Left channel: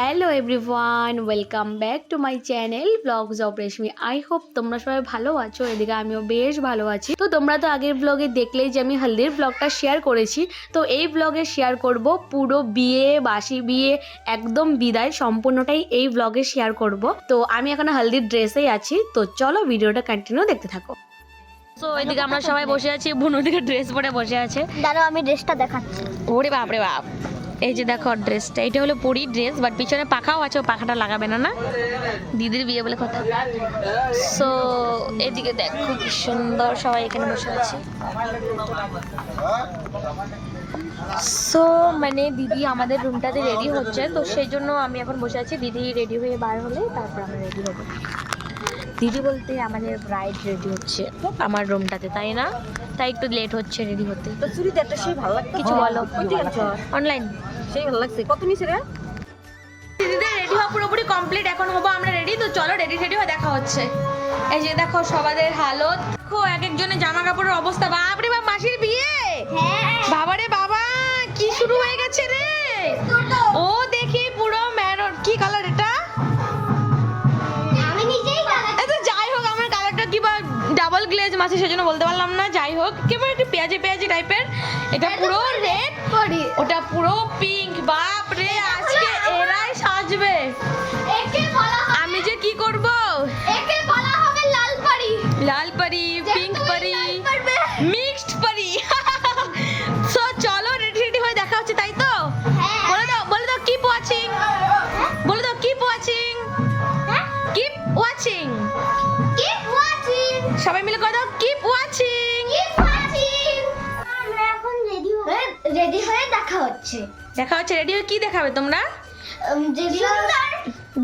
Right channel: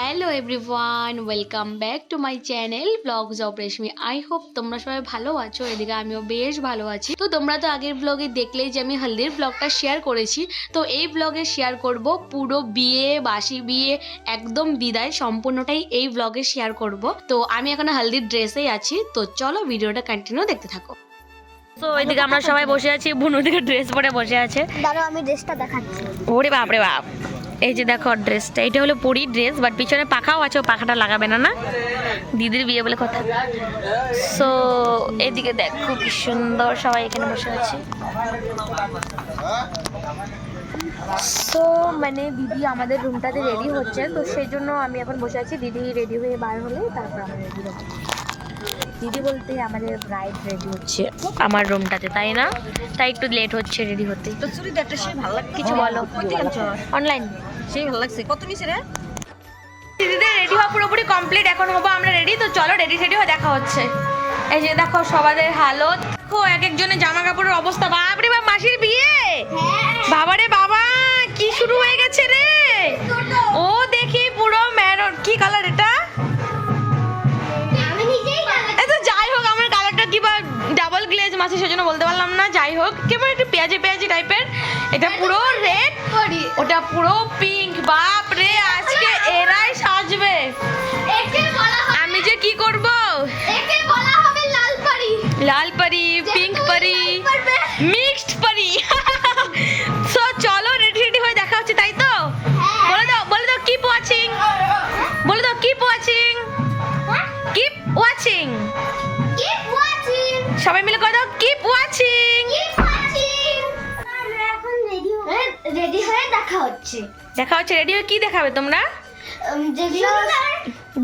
Hello everyone, welcome back to my channel blogs of Reshmi. I hope তোমরা সবাই ভালো আছো। এদিকে আমিও বেশ ভালো আছি। তো তোমরা তো আগের ব্লগে দেখলেই যে আমি হলদির ব্লগটা শেয়ার করেছি। তো এই ব্লগে শেয়ার করব পুরো বিয়ে, বাসি বিয়ে, একদম বিদায় সম্পূর্ণটাই এই ব্লগে শেয়ার করব। তো আমি এখন হলদির ড্রেসেই আছি। তো চলো ভিডিওটা কন্টিনিউ দেখতে থাকো। তো ওইদিকে আমরা সবাই বসে আছি, বুনু দিকে ড্রেস পরে বসে আছে। দাঁড়াও আমি ড্রেসটা দেখাচ্ছি। ওরে বাপ রে বাপ, এই যে দেখো ড্রেসটা, এটা হলো পরির ড্রেস, বাট পিছনে পাখাও আছে, ও পাখাটা লাগাবে না, না দিদির বিয়ে বলে কথা। সো এদিকে দেখো কি সুন্দর সবাই এখানে বসে আছে। সো মানে দিদি আমাদের রুমটাতে রেডি হচ্ছে, তো সেই জন্য আমি এখন বসে আছি। দিদি রেডি হয়ে বার হলে তারপর আমরা রেডি হবো। দিদি বলতে আমাদের ব্রাইড রেডি হচ্ছে আমার রুমটাতে, তাই না? তাই একটু লেট হচ্ছে রেডি হতে। তো চুড়িদারটা সেই ভালো লাগছে। কিছু বলো। অনলাইন সেই ভালো লাগছে। কত নিছে রে? দিদিদের রেডি হওয়া পুরোপুরি কমপ্লিট, এখন হবো আমরা রেডি। তো চলো রেডি হয়ে দেখা হচ্ছে। এই যে দেখো সবাদের হালত, দেখো এক একজনের জামা কাপড়ের অবস্থা। বাপরে বাপ, মাসির বিয়ে, বাবারে বাবা কি শুরু হয়ে গেছে রে। ও দেখি পুরো ম্যারন, কি কালার এটা? এই তো যাই হোক, আমার কালারটা কি বা ডাবল গ্লেজ মাসি, সেজন্য বলতে পারলাম না। যাই হোক, কেমন একটু পেঁয়াজি পেঁয়াজি টাইপের। এটা পুরো রেড, ওটা পুরো পিঙ্ক। বাপ রে, আজকে এরাই সাজবে। আমি যে কি করব, লাল পরি, পিঙ্ক পরি, মিক্সড পরি। সো চলো রেডি হয়ে দেখা হচ্ছে, তাই তো? বলে দাও কিপ ওয়াচিং, বলে দাও কিপ ওয়াচিং, কিপ ওয়াচিং, সবাই মিলে করে দাও কিপ ওয়াচিং। এখন রেডি হয়ে দেখা হচ্ছে। রেডি হয়ে কি দেখাবে তোমরা?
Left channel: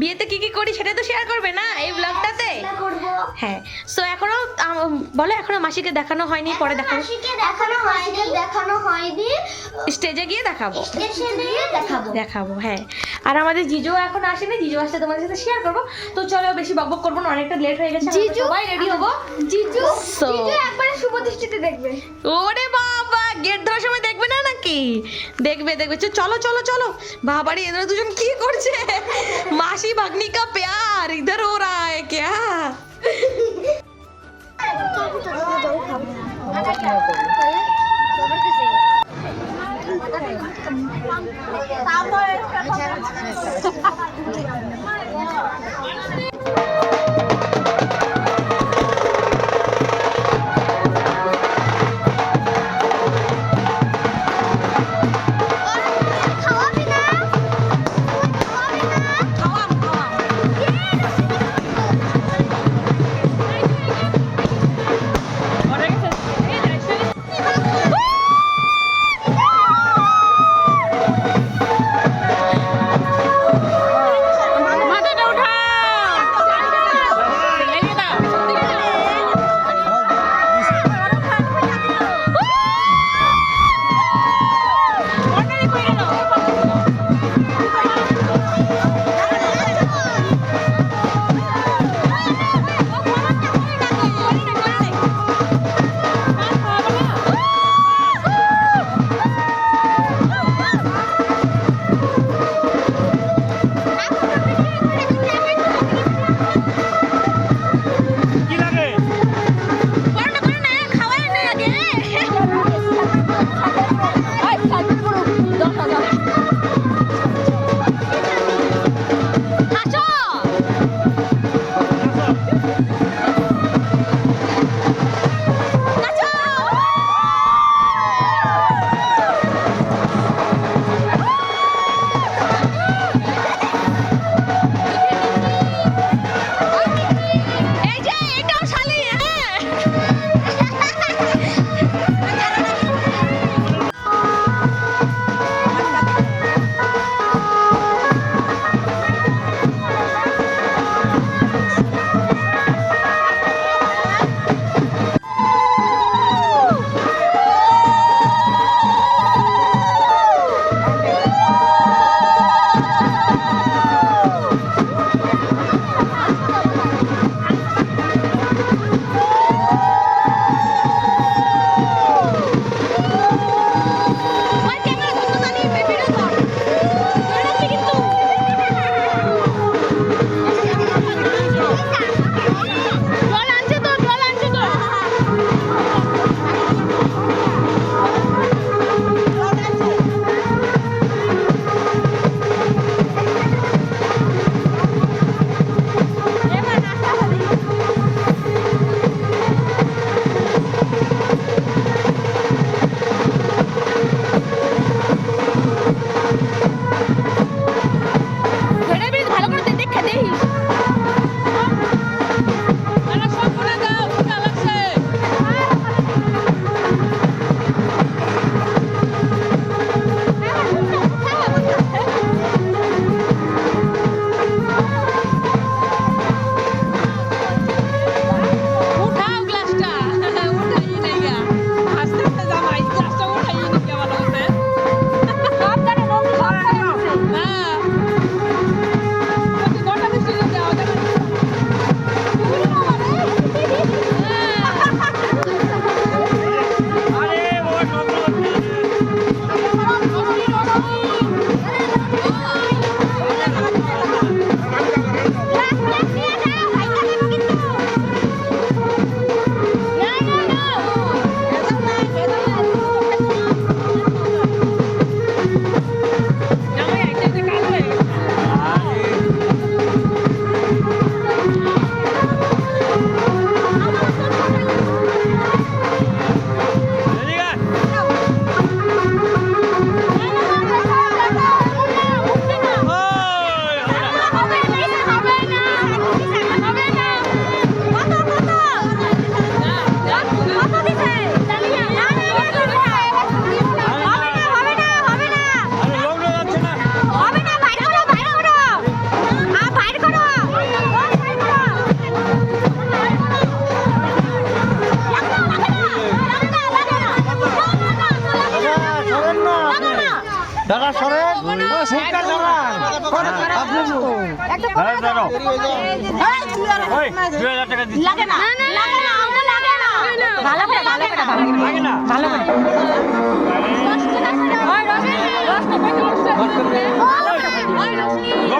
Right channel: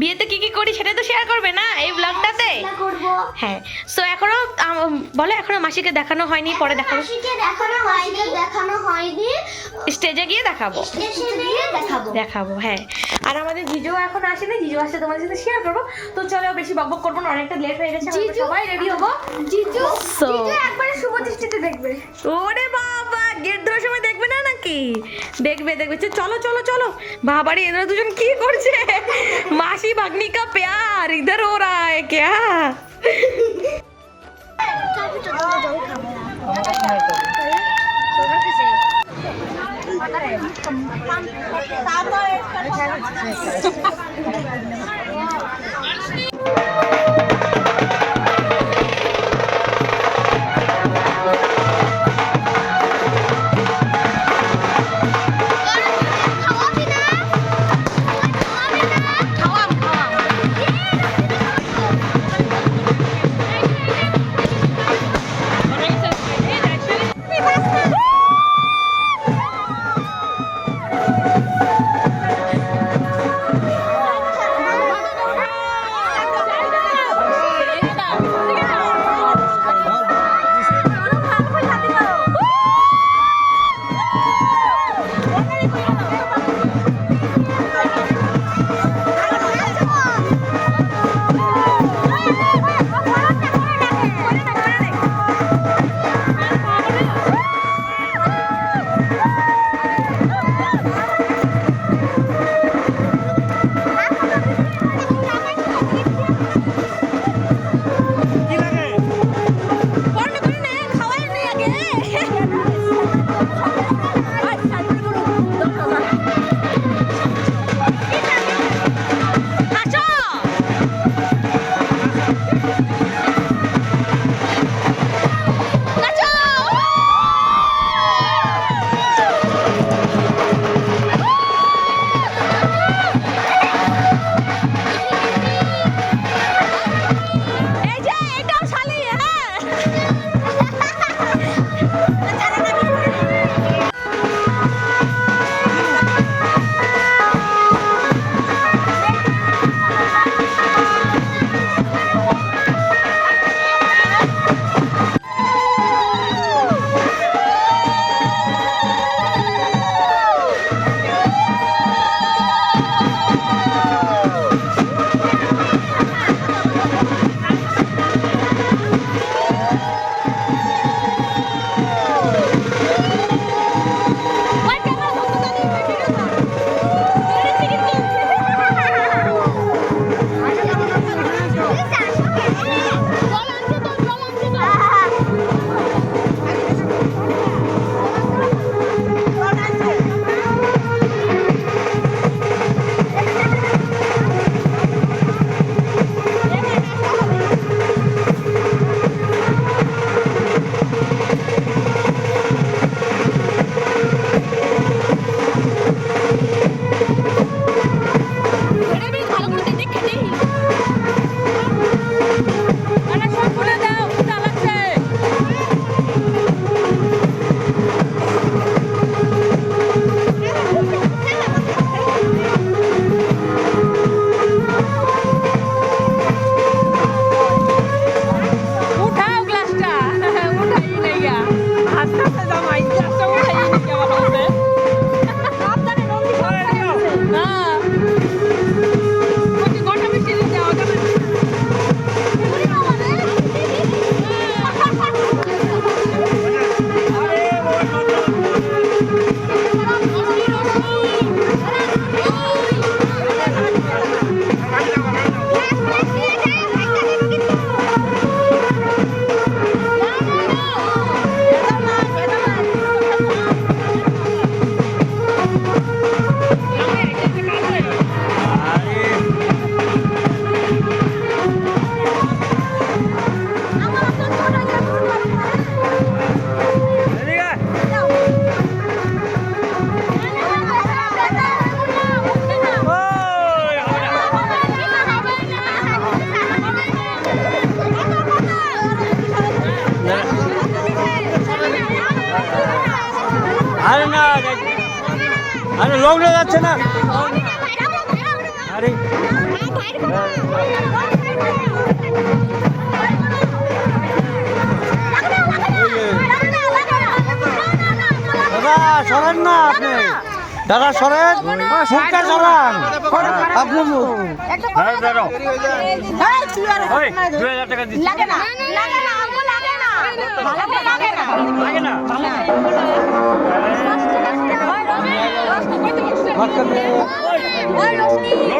বিয়েতে কি কি করি সেটা তো শেয়ার করবে না এই ব্লগটাতে? হ্যাঁ। সো এখনো বলো, এখনো মাসিকে দেখানো হয়নি, পরে দেখাবো। দেখানো হয়নি, স্টেজে গিয়ে দেখাবো। দেখাবো, হ্যাঁ। আর আমাদের জিজু এখন আসেনি, জিজু আসলে তোমাদের সাথে শেয়ার করবো। তো চলো বেশি বকবক করবো না, অনেকটা লেট হয়ে গেছে, আমরা সবাই রেডি হবো। জিজু একবারে শুভ দৃষ্টিতে দেখবে। ওরে বাবা, গেট ধরার সময় দেখবে না নাকি? দেখবে। চলো চলো চলো। বাবারে, এরা দুজন কি করছে? मासी भगनी का प्यार इधर हो रहा है क्या?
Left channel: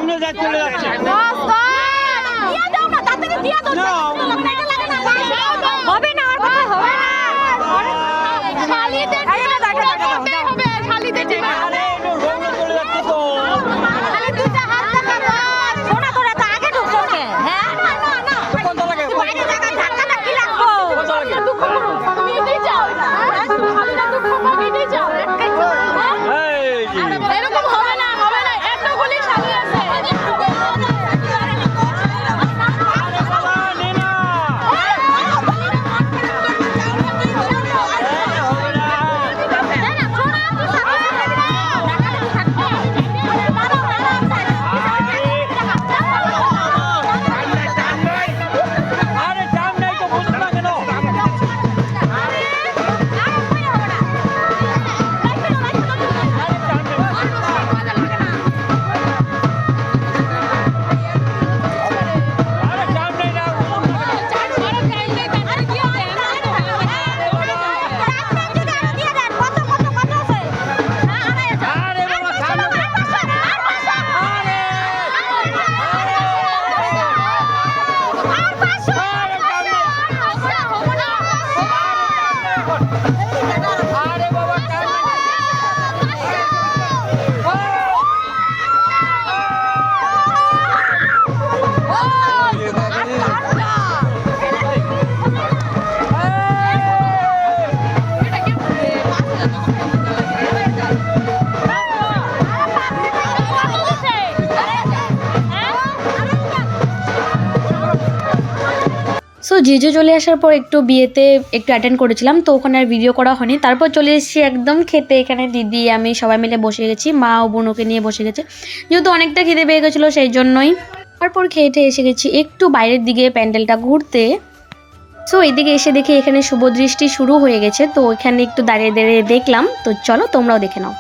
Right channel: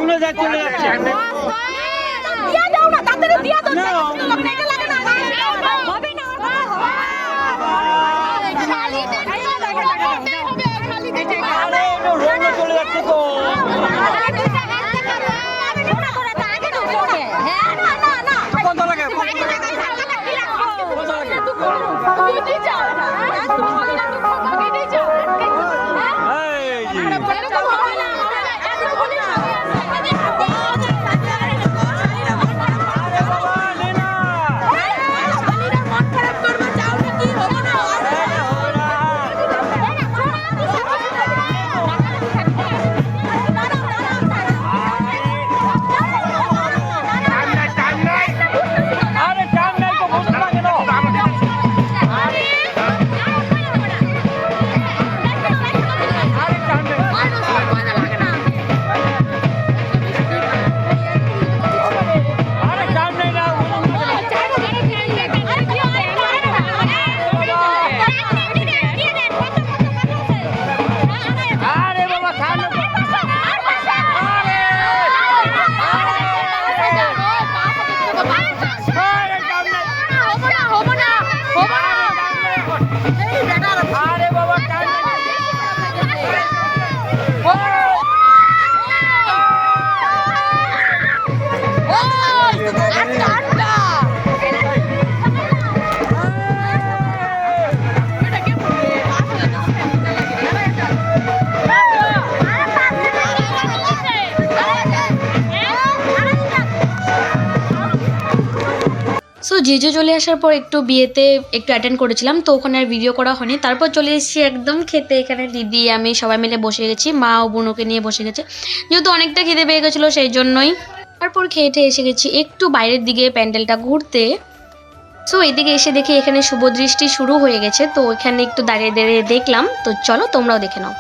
চলে যাচ্ছে চলে যাচ্ছে তো সো জিজু চলে আসার পর একটু বিয়েতে একটু অ্যাটেন্ড করেছিলাম, তো ওখানে আর ভিডিও করা হয়নি। তারপর চলে এসেছি একদম খেতে। এখানে দিদি আমি সবাই মিলে বসে গেছি, মা ও বোনকে নিয়ে বসে গেছে, যেহেতু অনেকটা খিদে পেয়ে গেছিলো সেই জন্যই। তারপর খেয়ে এসে গেছি একটু বাইরের দিকে প্যান্ডেলটা ঘুরতে। সো এইদিকে এসে দেখি এখানে শুভদৃষ্টি শুরু হয়ে গেছে, তো এখানে একটু দাঁড়িয়ে দাঁড়িয়ে দেখলাম। তো চলো তোমরাও দেখে নাও।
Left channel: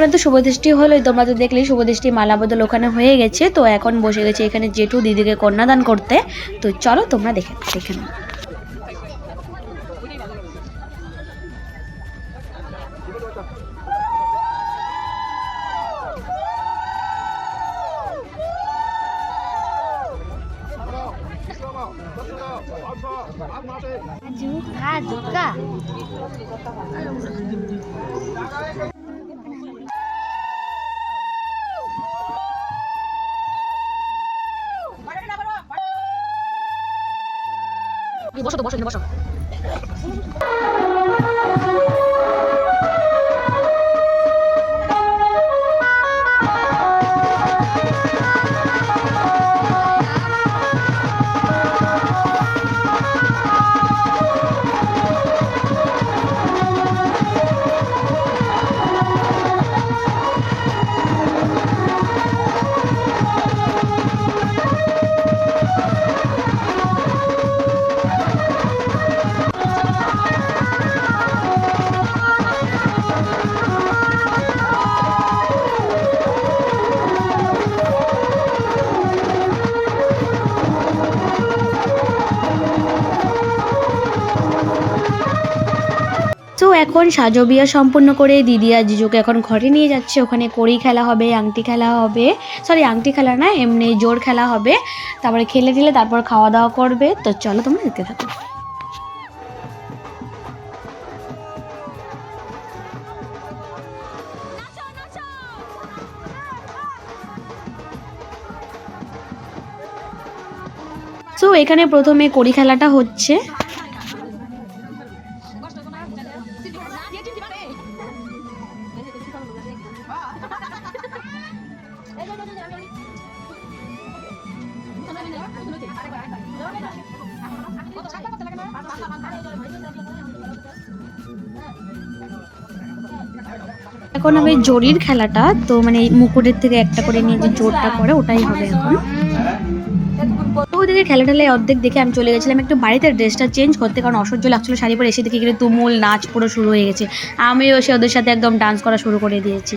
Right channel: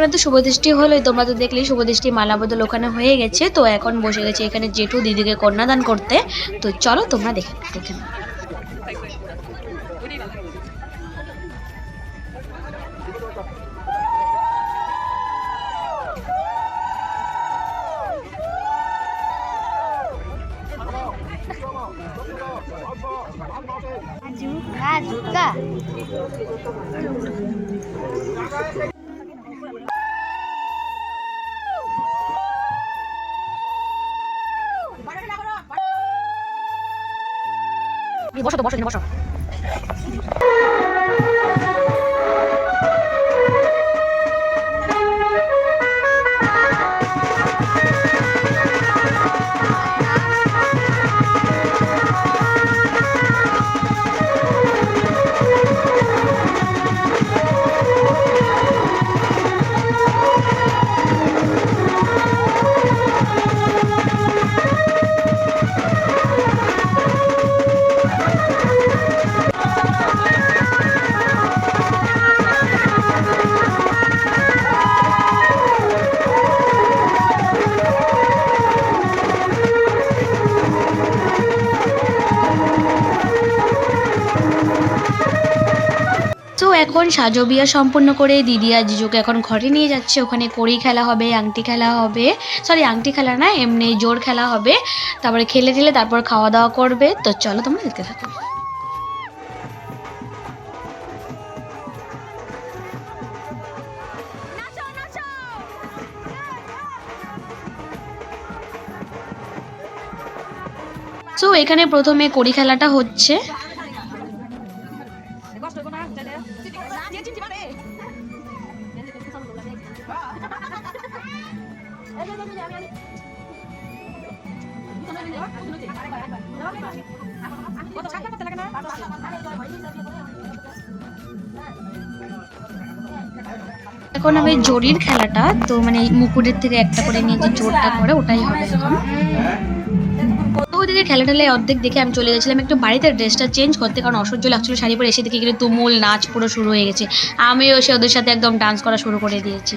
ওখানে তো শুভদৃষ্টি হলোই, তোমরা তো দেখলেই শুভদৃষ্টি মালা বদল ওখানে হয়ে গেছে। তো এখন বসে গেছে এখানে জেঠু দিদিকে কন্যাদান করতে। তো চলো তোমরা দেখে নাও। হ্যাঁ দুর্গা বসো তো, বসো বসো। তো এখন সাজো বিয়া সম্পূর্ণ করে দিদি আর জিজুকে এখন ঘরে নিয়ে যাচ্ছে। ওখানে কড়ি খেলা হবে, আংটি খেলা হবে, সরি আংটি খেলা না, এমনি জোর খেলা হবে। তারপরে খেলে টেলে তারপর খাওয়া দাওয়া করবে। তো চলো তোমরা দেখতে থাকো। তো এখানে প্রথমে কড়ি খেলাটা হচ্ছে। এখন হবে জরির খেলাটা। তো মানে মুকুটের থেকে একটা করে নিয়ে যে জোরটা করে ওটাই হবে এখন। তো ওদিকে খেলা টেলায় অর্ধেক দেখে আমি চলে গেছিলাম একটু বাড়িতে ড্রেসটা চেঞ্জ করতে, কারণ অসহ্য লাগছিল শাড়ি পরে। এসে দেখি কিন্তু তুমুল নাচ পুরো শুরু হয়ে গেছে। আমিও এসে ওদের সাথে একদম ডান্স করা শুরু করে দিয়েছি।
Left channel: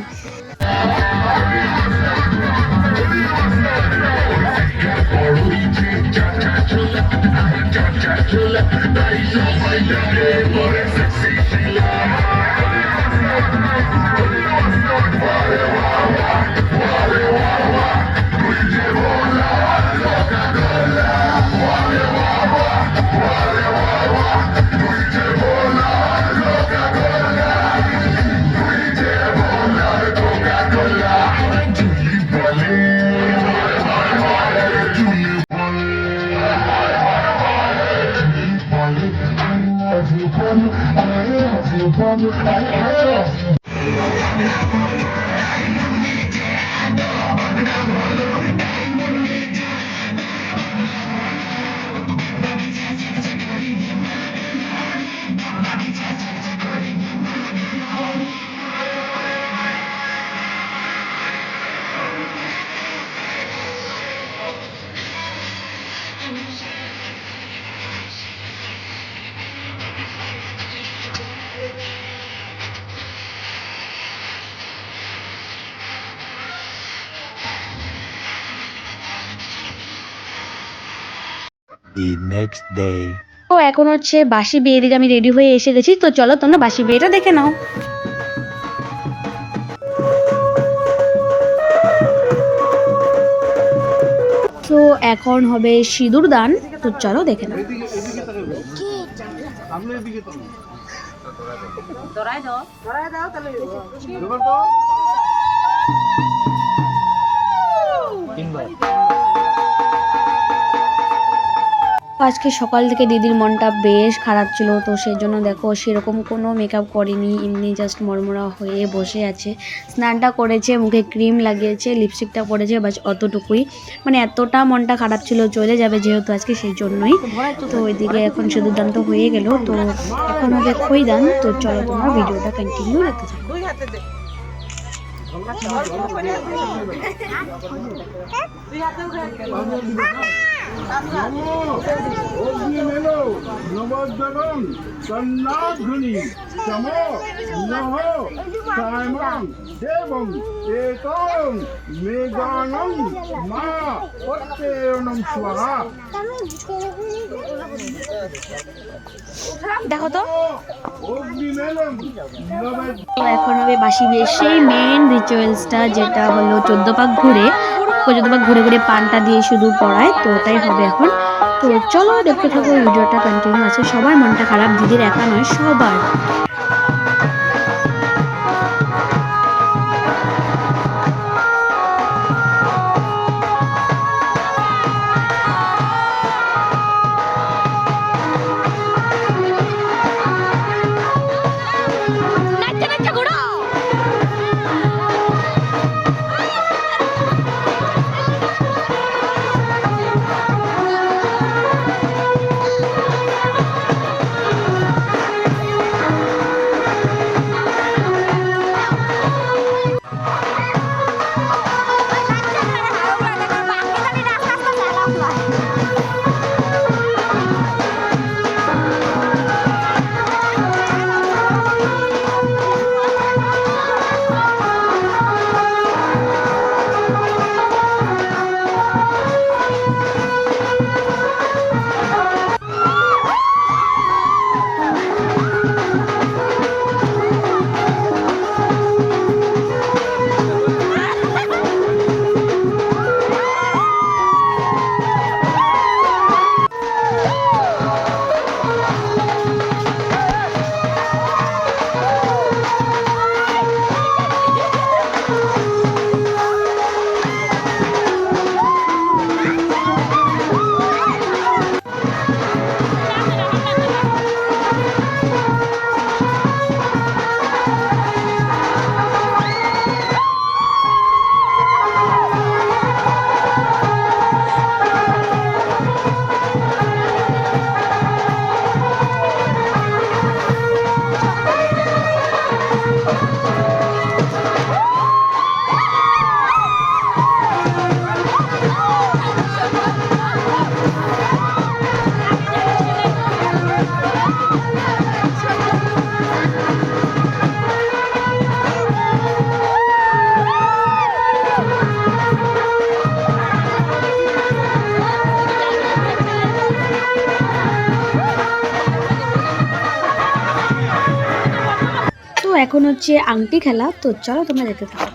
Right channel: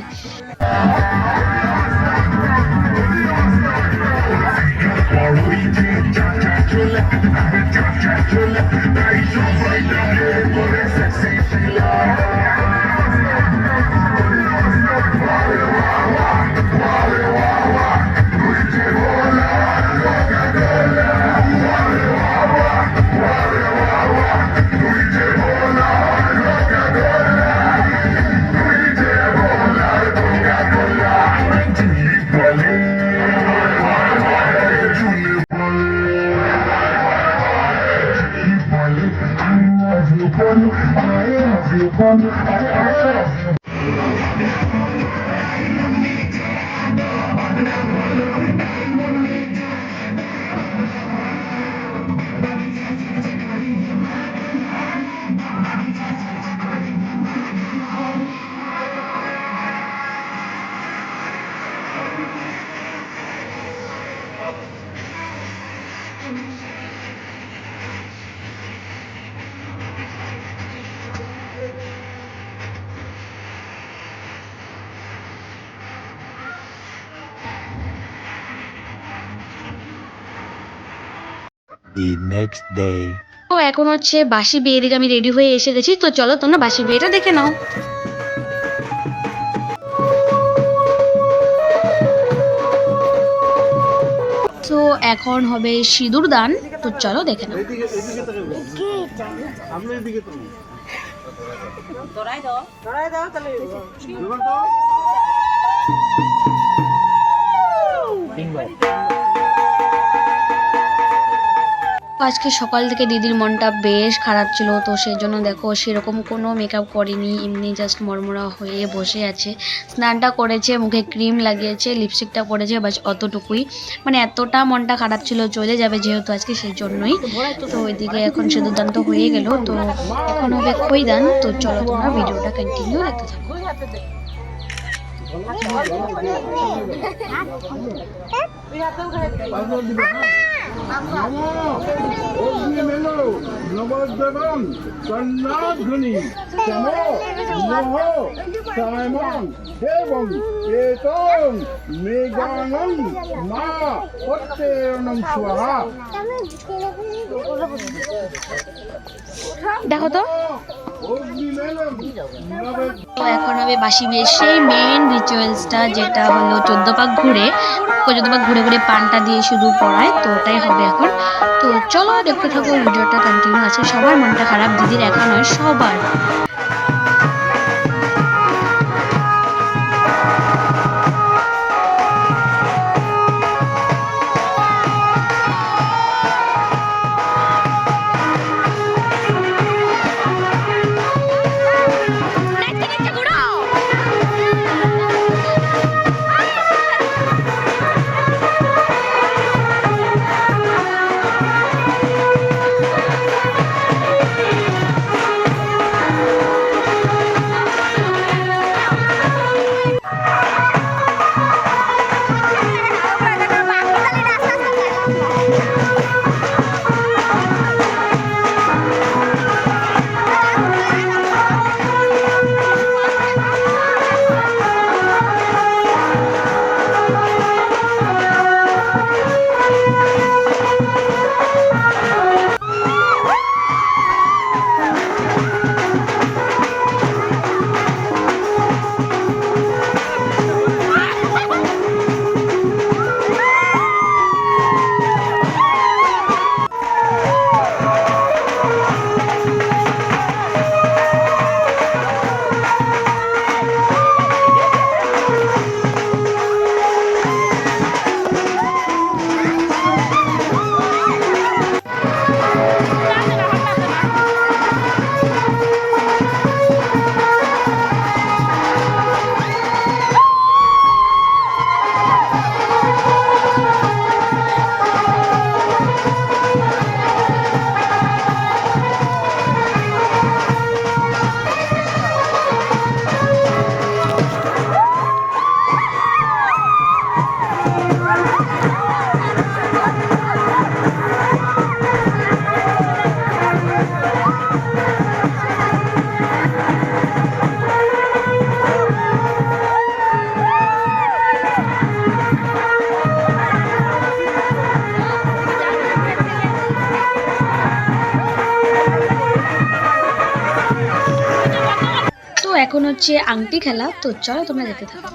The next day. তো এখন হচ্ছে বাসি বিয়ে, দিকে আমি রেডি হয়ে এসে গেছি। তো চলো তোমরা বাসি বিয়েটা দেখে নাও। তো এখন হবে সিঁদুর দান। তো চলো দেখে নাও। ধরাই দাও তাহলে আজকে সকাল থেকে দিদির মনটা বেশ খারাপ ছিল। তো সেই জন্য দেখো সেরকম কোনো মেকআপ করেনি, এমনি জাস্ট মরমরা হয়ে বসে আছে। স্নানটা করেছে, মুখে ক্রিম লাগিয়েছে, লিপস্টিকটা পরেছে, বাস অতটুকুই। মানে এতটা মনটা খারাপ ছিল, চলে যাবে যেহেতু আজকে, সেই জন্যই। তো ওইদিকে এখন সিঁদুরদান তো হয়ে গেল। তো এখন হবে খৈদান। তো চলো তোমরা ভিডিওটা কন্টিনিউ দেখতে থাকো। দুই হাতে দে দুই হাতেও খাই নবদ্বীপম কন্যাধ্বনি Samo, Noho, Simon, Devon, Ekam, Meganam, Ma, Otteranam Swaha. দেখো তো Ognimelam, Navet. তো এখন হবে বাসি বিয়ের সেই মেন রিচুয়ালসটা, যেটা হলো 14 পাক ঘুরে 14 পাক ঘুরে ঘুরে পানটা দিয়ে শুধু পড়ায়, তো ওটাই হবে এখন। তো চলো দেখতে থাকো, ভিডিওটা কন্টিনিউ আছে। সবার মনটা খারাপ, দিদির একা নয়, সবার। তো এখন হচ্ছে আংটি খেলা, তো চলো তোমরা দেখতে থাকো।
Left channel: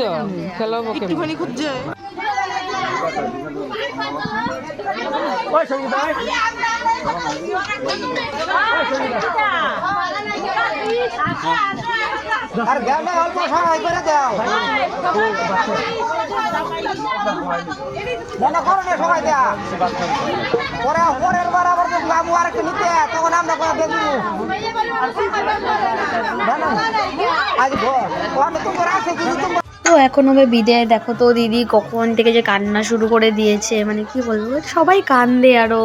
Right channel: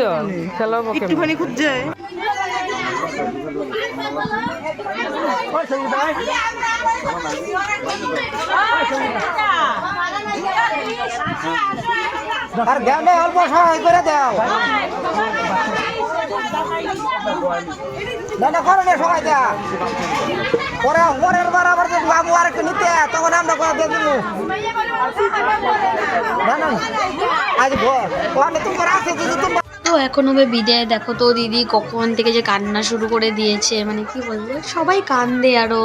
তো খেলাবো একটুখানি খুঁজছে আর গানে অল্প সময় করে দাও না করো না সময় দাও পরে পরের বার আবার যদি বাবু আর একটু নিতে তখন আমরা করে দিয়ে দেবো আজ ভোর তুমি রাখতে যদি তো এখন হবে বিদায়। দেখো তো দিদি কখন থেকে যে কান্না শুরু করে দিয়েছে, মানে কি বলবো, সবাই কান্দে আরও,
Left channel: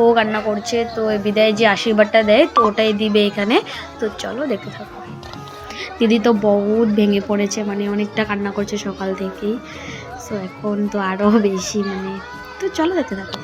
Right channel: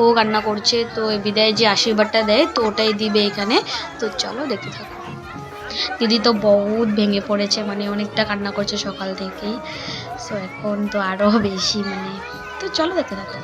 ও কান্না করছে। তো বিদায় যে আশীর্বাদটা দেয় তো ওটাই দিবে এখানে। তো চলো দেখতে থাকো। দিদি তো বহুত ভেঙে পড়েছে, মানে অনেকটা কান্না করছে সকাল থেকেই। সো এখন তো আরও বেশি, মানে তো চলো দেখতে থাকো।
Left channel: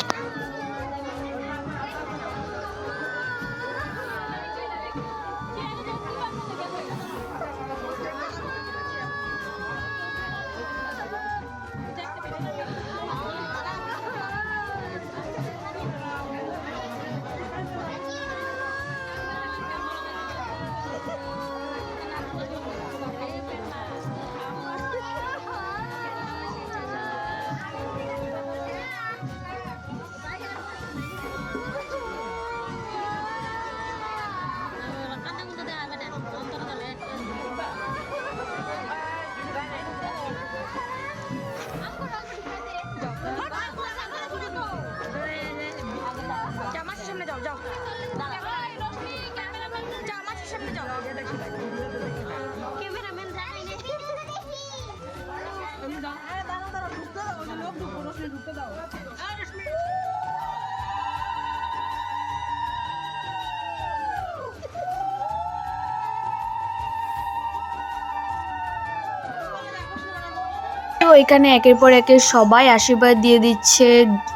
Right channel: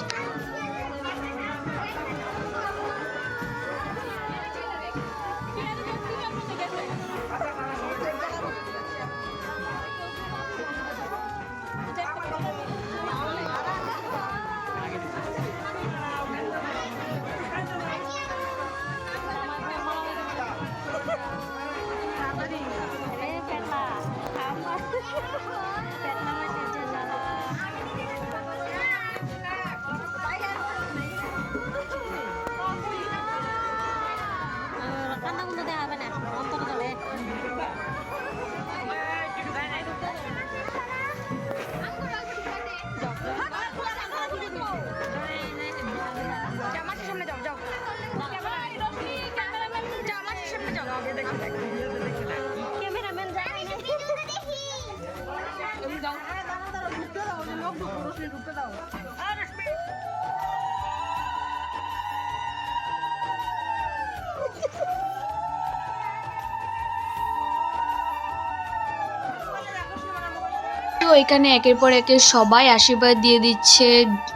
এখানে একের পর একের সবাই আশীর্বাদ দিয়ে দিচ্ছে।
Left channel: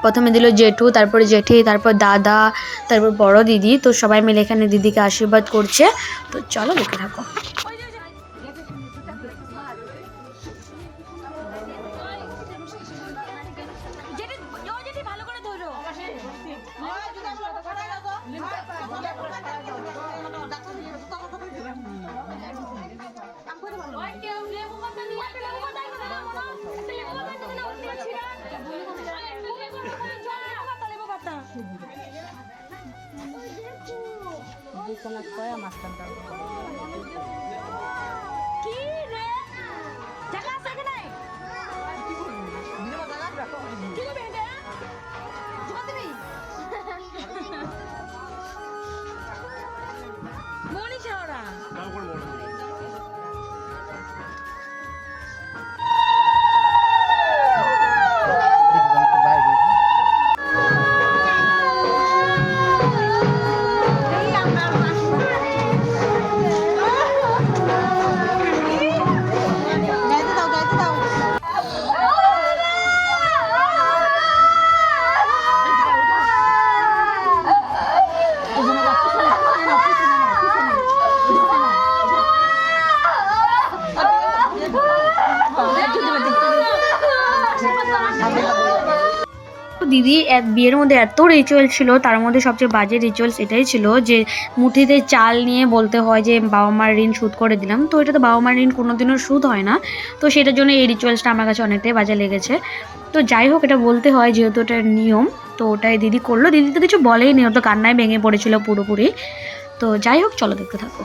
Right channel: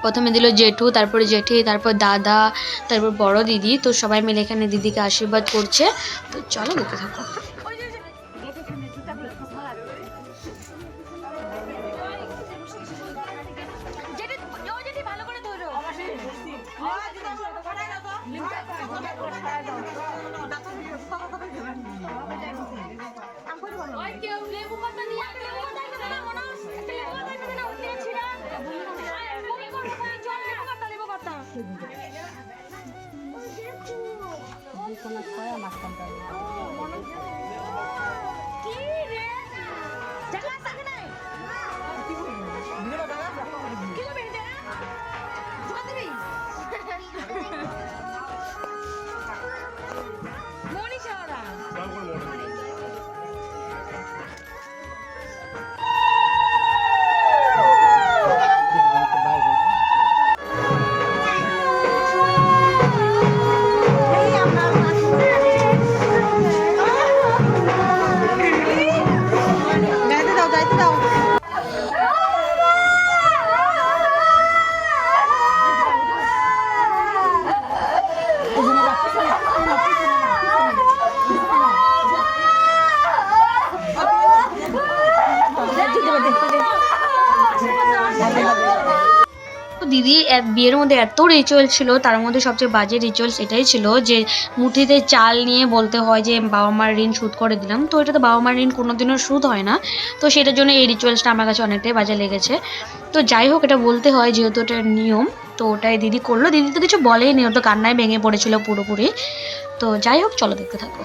প্রথমে দিল জেঠু, তারপরে জেঠি, তারপর দাদা, তারপর বড় দিদি। তো সবাই মিলে এখানে দিদিকে আশীর্বাদ করছে। তো চলো দেখতে থাকো। দিদি বিয়ের মধ্যে এত রিচুয়াল ছিল, তার মধ্যে সবচেয়ে বাজে রিচুয়ালস এটাই ছিল যে মুঠিতে চাল নিয়ে বলতে হয় যে বাবা মার ঋণ শোধ করে দিলাম। তো এটা তো বাবা মার ঋণ কোনোদিনও শোধ হয় না। তো সেটার জন্য এই রিচুয়ালসটা আমার কাছে অনেকটাই বাজে লেগেছে। তো যাই হোক, এটা বলতে হয় যেহেতু এটা নিয়ম। তো ওটাই দিদি করলো। দিদি তো কিছু বলেইনি, ও তো কান্নায় ভেঙে পড়েছিল পুরোপুরি। তো যাই হোক, চলো দেখতে থাকো।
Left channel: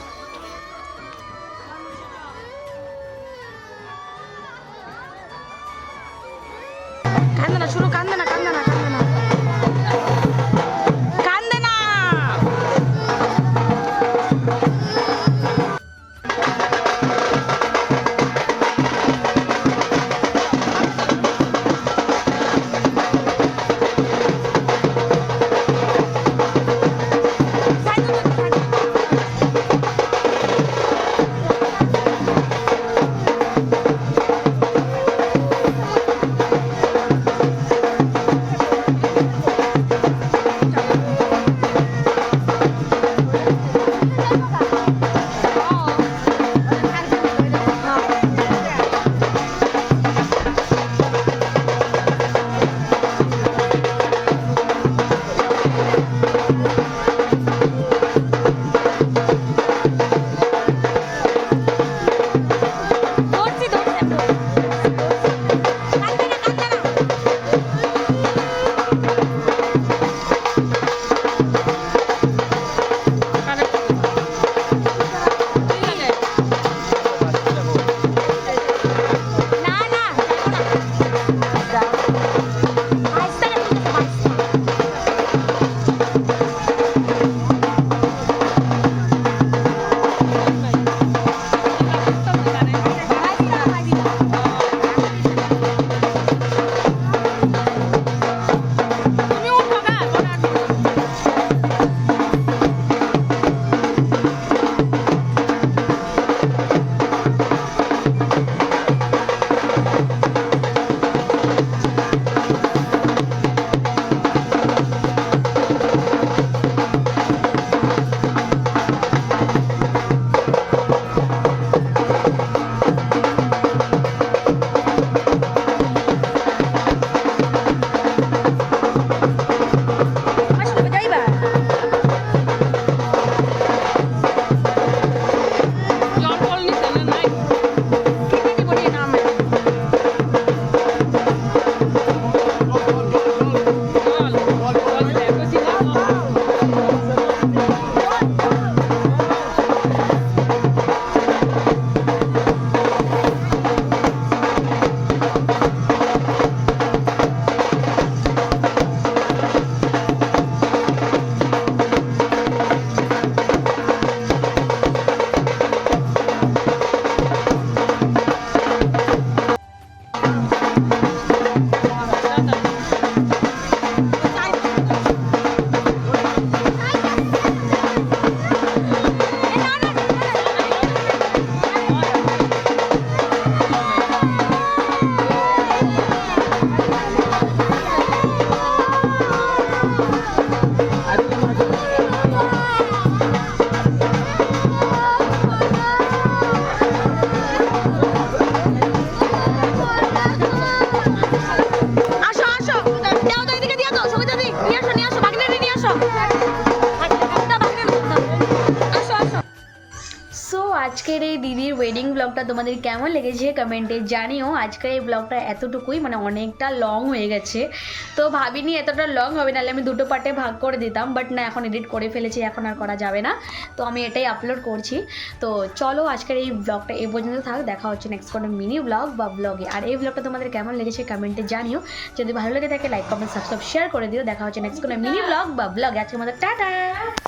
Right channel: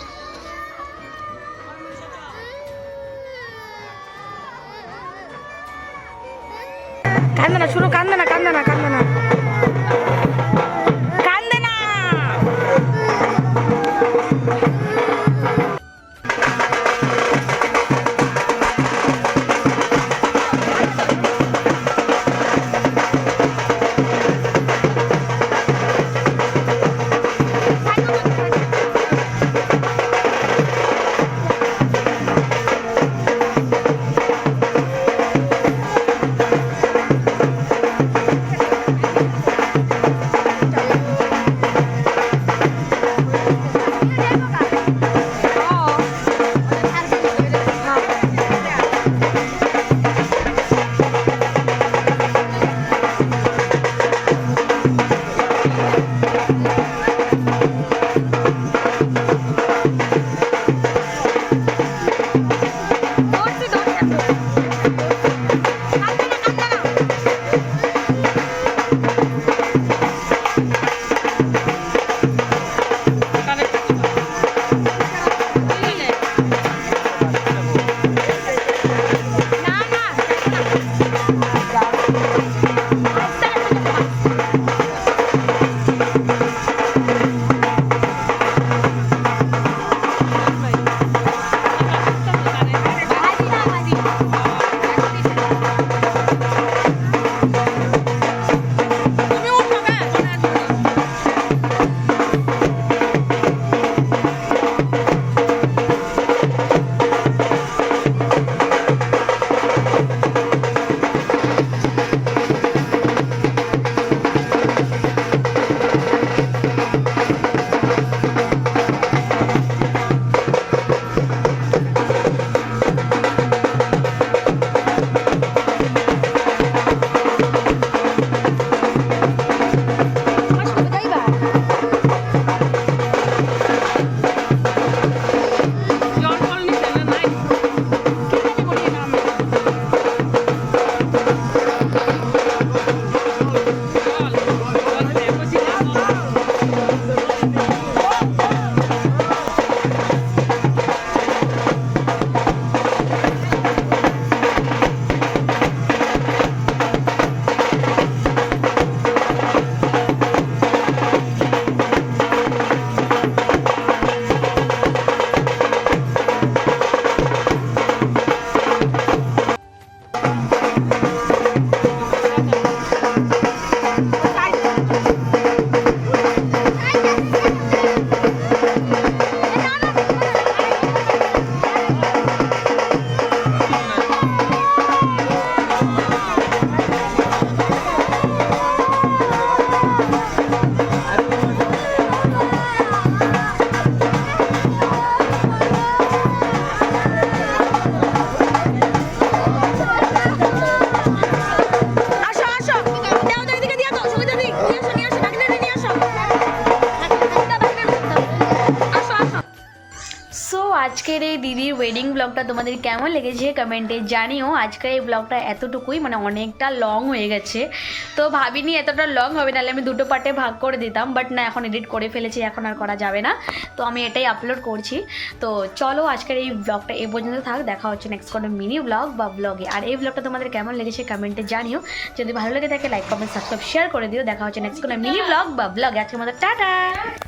কান্দে না, শুনো, কান্দে না, কান্দে না, কান্দে না, কান্দে না। আজকের এই দিদির ওয়েডিং ব্লগটা তোমাদের কেমন লেগেছে কমেন্টে জানিও। আজকের এই ব্লগটা এতটুকুই, মানে অনেকটা লং হয়ে গেছে, তো ভাবিনি এতটা লং হবে, নাহলে আমি দুটো পার্টে ভাগ করে দিতাম, বাট না, এখন এডিট করে ফেলেছি, এখন আর করা যাবে না, তো আমি এটাই আপলোড করছি। তো চলো আজকের এই ব্লগটা এই পর্যন্ত থাক, দেখা হচ্ছে নেক্সট কোনো মিনি ব্লগ বা ব্লগে। আর এই ব্লগটা তোমাদের কেমন লেগেছে কমেন্টে জানিও, যদি ভালো লেগে থাকে লাইক কমেন্ট সাবস্ক্রাইব শেয়ার করে দিও। দেখা হচ্ছে নেক্সট কোনো মিনি ব্লগ বা ব্লগে। আজকের মতো টাটা।